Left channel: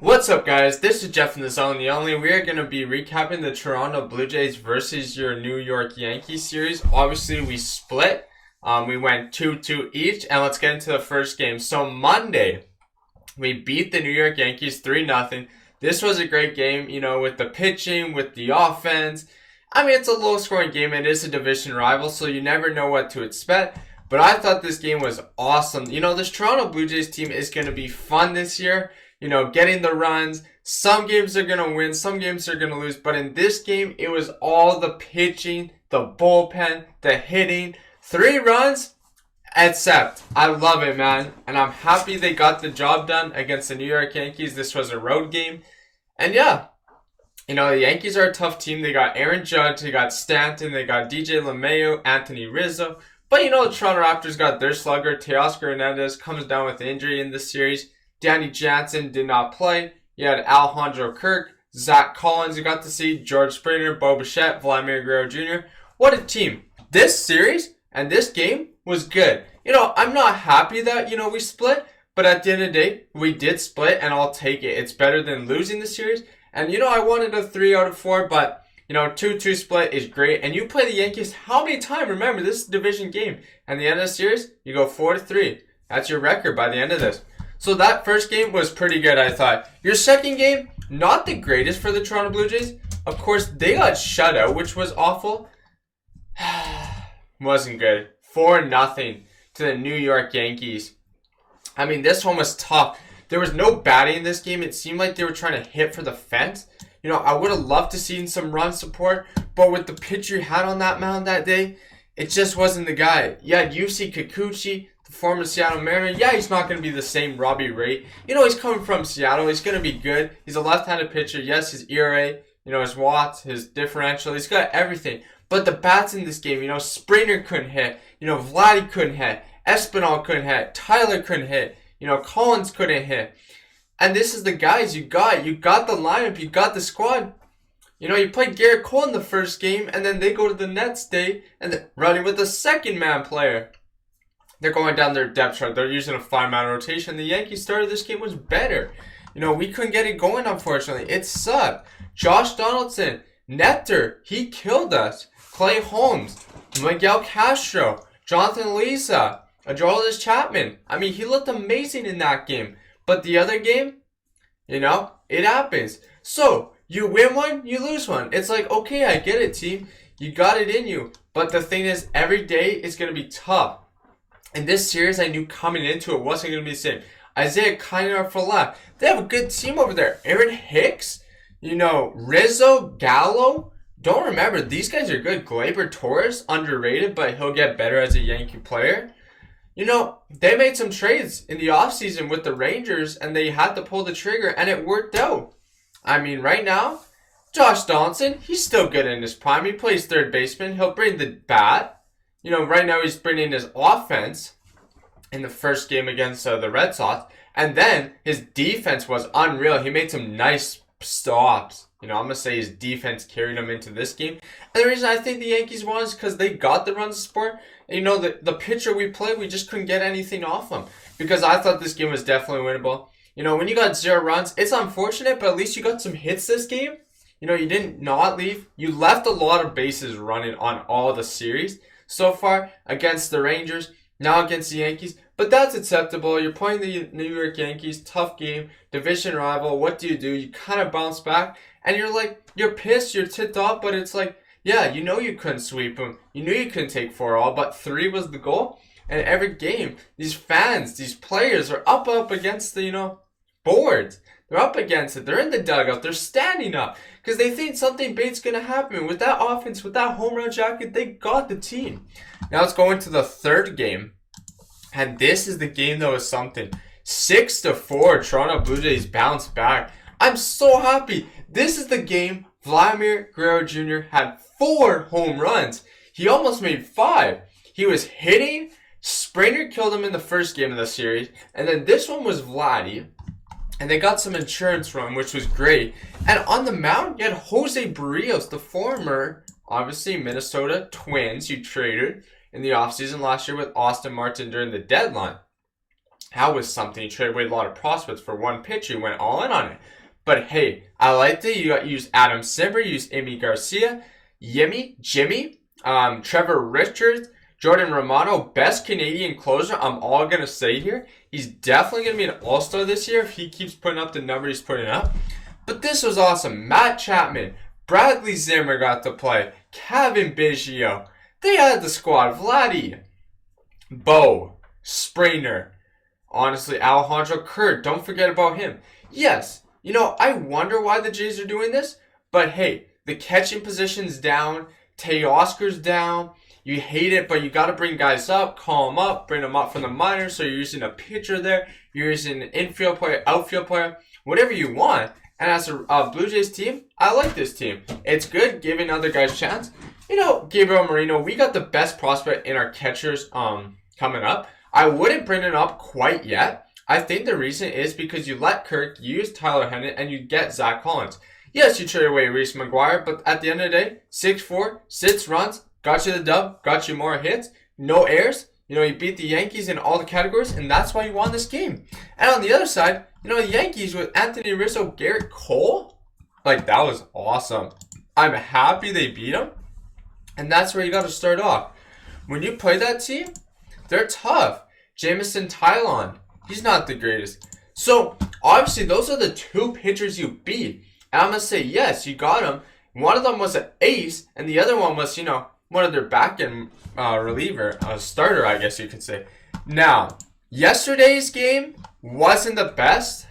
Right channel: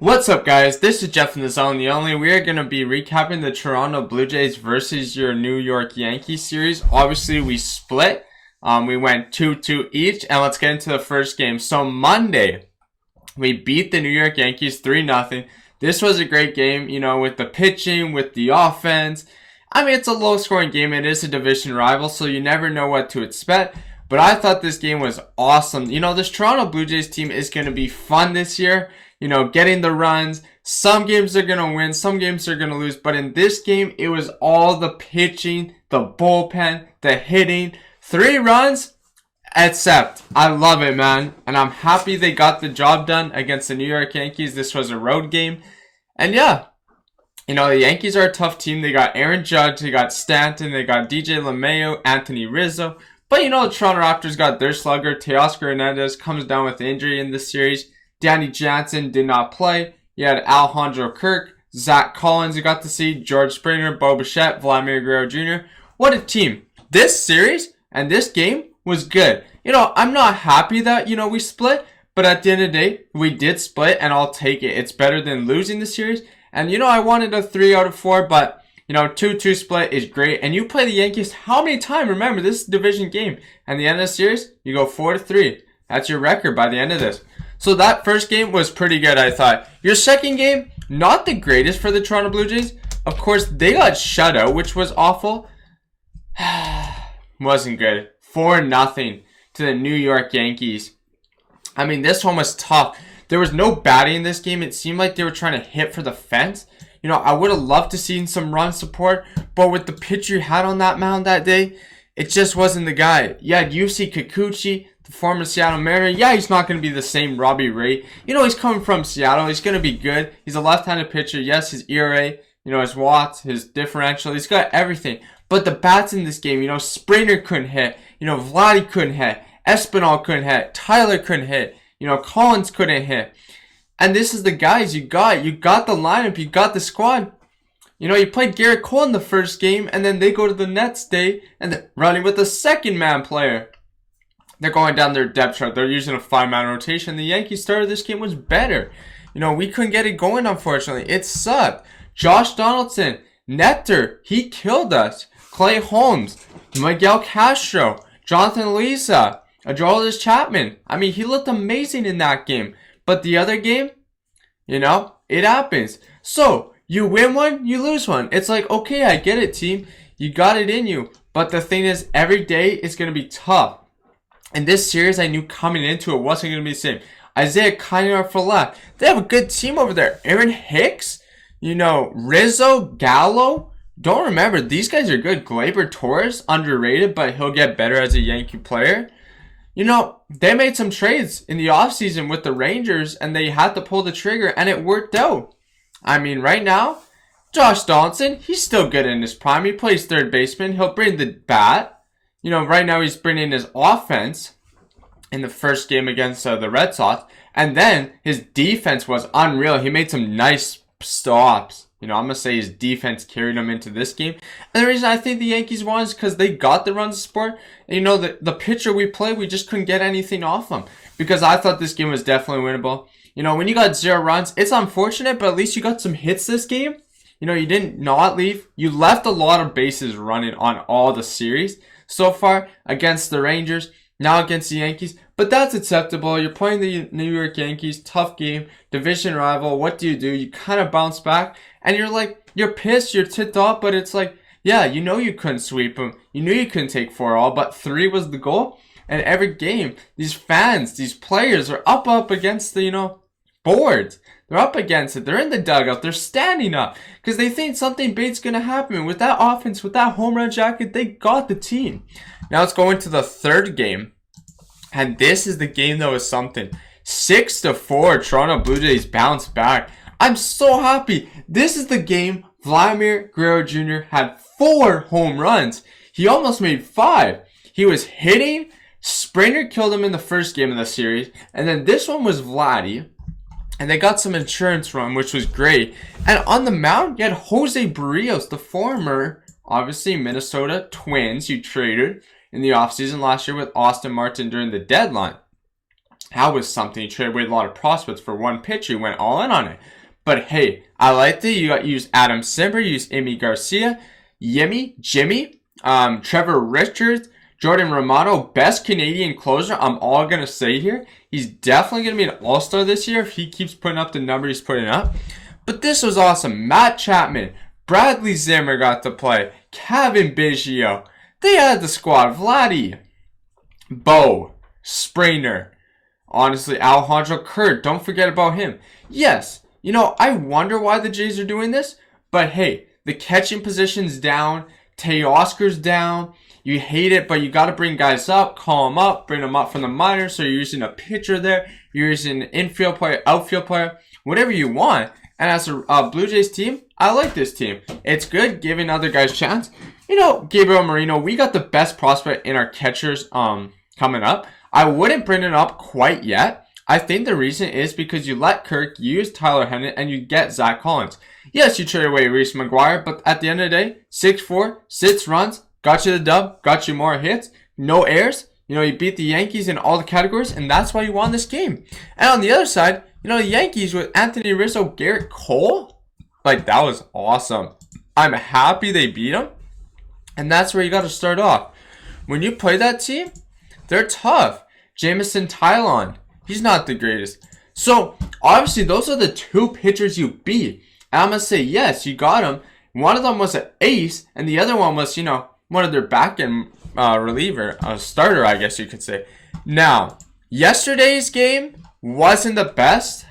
What's up, guys? This is Jeff in the Zone, the only. We are going to be recapping the Toronto Blue Jays versus your New York Yankees series. Obviously, we split. We went 2-2 each, and let's get into the first game. So, Monday, we beat the New York Yankees 3-0. This was a great game, with the pitching, with the offense. I mean, it's a low-scoring game. It is a division rival, so you never know what to expect. But I thought this game was awesome. This Toronto Blue Jays team is going to be fun this year. Getting the runs. Some games they're going to win, some games they're going to lose. But in this game, it was all the pitching, the bullpen, the hitting. 3 runs, except I love it, man. And I'm happy they got the job done against the New York Yankees. This was a road game. And yeah, the Yankees are a tough team. They got Aaron Judge, they got Stanton, they got DJ LeMahieu, Anthony Rizzo. But the Toronto Raptors got their slugger. Teoscar Hernandez comes down with injury in this series. Danny Jansen did not play. You had Alejandro Kirk, Zach Collins you got to see, George Springer, Bo Bichette, Vladimir Guerrero Jr. What a team. This series and this game was good. I'm not happy that, we split, but at the end of the day, we did split, and I'll take it. It's better than losing the series. And, I wanted a 3 out of 4, but, 2-2 split is great. And you play the Yankees how many times? Remember, this is a division game. And the end of the series, you go 4-3. That's your record by the end of this. So that first game was pretty good, I thought. Your second game, not the greatest for the Toronto Blue Jays. Of course, they got shut out, which was awful. Wasn't good. 4-0 to the New York Yankees. I mean, this one was tough. There was no batting in this game. It seemed like they were trying to hit for the fence. I would have loved to see some run support, but with the pitcher you had on that mound that day, it just wasn't the guy. You had Yusei Kikuchi, the former Seattle Mariner. Yeah, he's not going to be the same Robbie Ray. He's coming from Seattle. He's going to be good. He's a left-handed pitcher. Yes, his ERA, his watts, his differential. He's got everything. But the bats in this game, Springer couldn't hit. Vladdy couldn't hit. Espinal couldn't hit. Tyler couldn't hit. Collins couldn't hit. And this is the guys you got. You got the lineup. You got the squad. You played Garrett Cole in the first game, and then they go to the next day, and they're running with a second-man player. They're going down their depth chart. They're using a 5-man rotation. The Yankees started this game was better. We couldn't get it going, unfortunately. It sucked. Josh Donaldson, Nectar, he killed us. Clay Holmes, Miguel Castro, Jonathan Lisa, Aroldis Chapman. I mean, he looked amazing in that game. But the other game, it happens. So, you win one, you lose one. It's like, okay, I get it, team. You got it in you. But the thing is, every day it's going to be tough. And this series, I knew coming into it wasn't going to be the same. Isaiah Kiner for left. They have a good team over there. Aaron Hicks, Rizzo, Gallo. Don't remember, these guys are good. Gleyber Torres, underrated, but he'll get better as a Yankee player. They made some trades in the offseason with the Rangers, and they had to pull the trigger, and it worked out. I mean, right now, Josh Donaldson, he's still good in his prime. He plays third baseman. He'll bring the bat. Right now he's bringing his offense in the first game against the Red Sox. And then his defense was unreal. He made some nice stops. I'm going to say his defense carried him into this game. And the reason I think the Yankees won is because they got the runs support. And the pitcher we played, we just couldn't get anything off him. Because I thought this game was definitely winnable. When you got 0 runs, it's unfortunate, but at least you got some hits this game. You didn't not leave. You left a lot of bases running on all the series so far against the Rangers, now against the Yankees. But that's acceptable. You're playing the New York Yankees, tough game, division rival. What do? You kind of bounce back, and you're pissed, you're ticked off, but it's like, yeah, you couldn't sweep them. You knew you couldn't take 4 all, but 3 was the goal. And every game, these fans, these players are up against the, boards. They're up against it. They're in the dugout. They're standing up because they think something big's going to happen. With that offense, with that home run jacket, they got the team. Now let's go into the third game. And this is the game that was something. 6-4, Toronto Blue Jays bounce back. I'm so happy. This is the game Vladimir Guerrero Jr. had 4 home runs. He almost made 5. He was hitting. Springer killed him in the first game of the series. And then this one was Vladdy. And they got some insurance run, which was great. And on the mound, you had Jose Barrios, the former, obviously, Minnesota Twins you traded in the offseason last year with Austin Martin during the deadline. That was something. He traded away a lot of prospects for one pitcher. He went all in on it. But hey, I liked it. You use Adam Simber, you use Amy Garcia, Jimmy, Trevor Richards, Jordan Romano, best Canadian closer. I'm all going to say here. He's definitely going to be an all-star this year if he keeps putting up the number he's putting up. But this was awesome. Matt Chapman, Bradley Zimmer got to play, Kevin Biggio. They had the squad. Vladdy, Bo, Springer. Honestly, Alejandro Kirk, don't forget about him. Yes, I wonder why the Jays are doing this. But hey, the catching position's down. Teoscar's down. You hate it, but you got to bring guys up, call them up, bring them up from the minors. So you're using a pitcher there. You're using an infield player, outfield player, whatever you want. And as a Blue Jays team, I like this team. It's good giving other guys a chance. Gabriel Moreno, we got the best prospect in our catchers coming up. I wouldn't bring it up quite yet. I think the reason is because you let Kirk use Tyler Hennon and you get Zach Collins. Yes, you trade away Reese McGuire, but at the end of the day, 6'4", 6 runs, got you the dub, got you more hits, no errors. You beat the Yankees in all the categories, and that's why you won this game. And on the other side, the Yankees with Anthony Rizzo, Garrett Cole, that was awesome. I'm happy they beat them, and that's where you got to start off. When you play that team, they're tough. Jamison Tylon, he's not the greatest. So, obviously, those are the two pitchers you beat. And I'm going to say, yes, you got them. One of them was an ace, and the other one was, one of their back-end reliever, a starter, I guess you could say. Now, yesterday's game wasn't the best.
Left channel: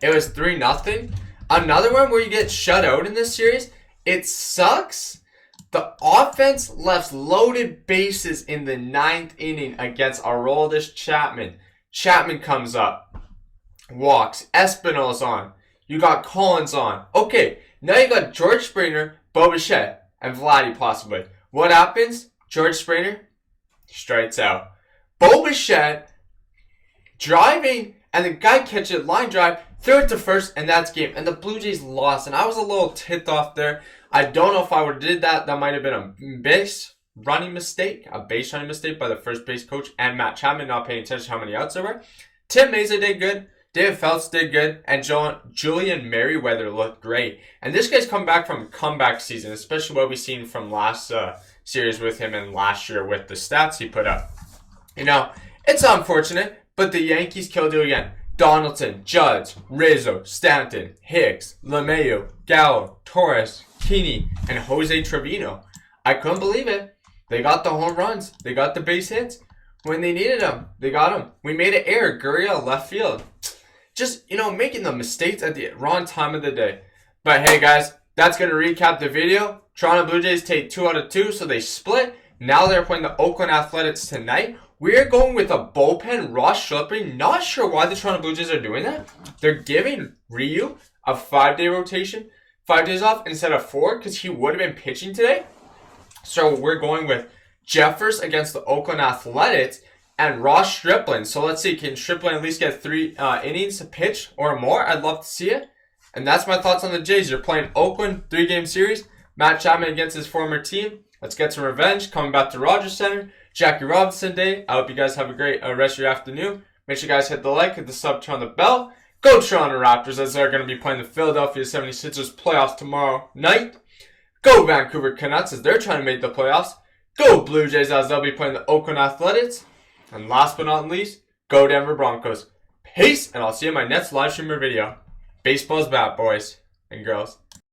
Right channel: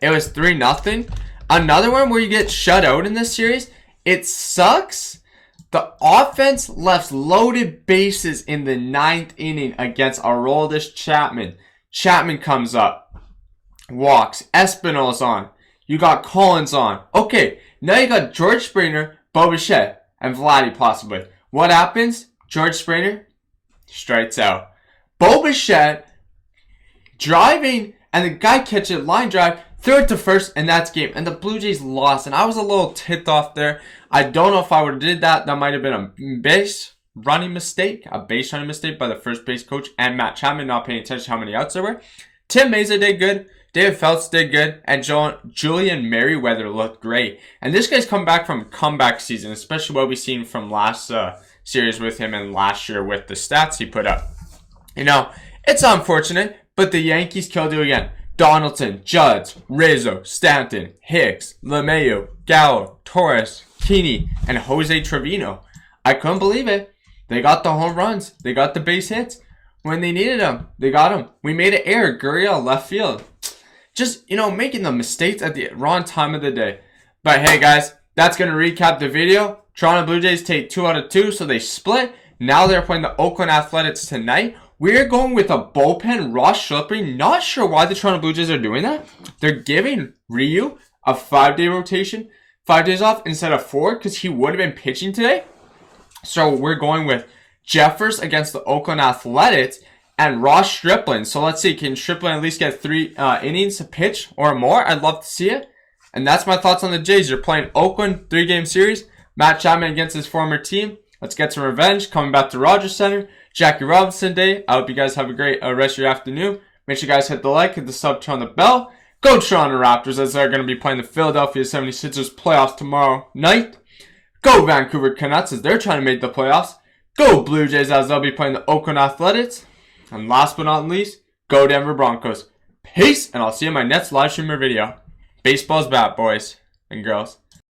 It was 3-0. Another one where you get shut out in this series. It sucks. The offense left loaded bases in the 9th inning against Aroldis Chapman. Chapman comes up, walks. Espinal's on. You got Collins on. Okay, now you got George Springer, Bo Bichette, and Vladdy possibly. What happens? George Springer strikes out. Bo Bichette driving, and the guy catches it, line drive, throw it to first, and that's game. And the Blue Jays lost, and I was a little ticked off there. I don't know if I would have did that. That might have been a base running mistake by the first base coach and Matt Chapman not paying attention to how many outs there were. Tim Meza did good. David Phelps did good. And Julian Merriweather looked great. And this guy's come back from a comeback season, especially what we've seen from last series with him and last year with the stats he put up. It's unfortunate, but the Yankees killed you again. Donaldson, Judge, Rizzo, Stanton, Hicks, LeMahieu, Gallo, Torres, Keeney, and Jose Trevino. I couldn't believe it. They got the home runs. They got the base hits. When they needed them, they got them. We made an error. Gurriel, left field. Just, making the mistakes at the wrong time of the day. But hey, guys, that's going to recap the video. Toronto Blue Jays take 2 out of 2, so they split. Now they're playing the Oakland Athletics tonight. We're going with a bullpen, Ross Schlipping. Not sure why the Toronto Blue Jays are doing that. They're giving Ryu a 5-day rotation, 5 days off instead of 4, because he would have been pitching today. So we're going with Jeffers against the Oakland Athletics and Ross Stripling. So let's see, can Stripling at least get 3 innings to pitch or more? I'd love to see it. And that's my thoughts on the Jays. You're playing Oakland, 3-game series. Matt Chapman against his former team. Let's get some revenge. Coming back to Rogers Center. Jackie Robinson Day. I hope you guys have a great rest of your afternoon. Make sure you guys hit the like, hit the sub, turn on the bell. Go Toronto Raptors, as they're going to be playing the Philadelphia 76ers playoffs tomorrow night. Go Vancouver Canucks, as they're trying to make the playoffs. Go Blue Jays, as they'll be playing the Oakland Athletics. And last but not least, go Denver Broncos. Peace, and I'll see you in my next live streamer video. Baseball's back, boys and girls.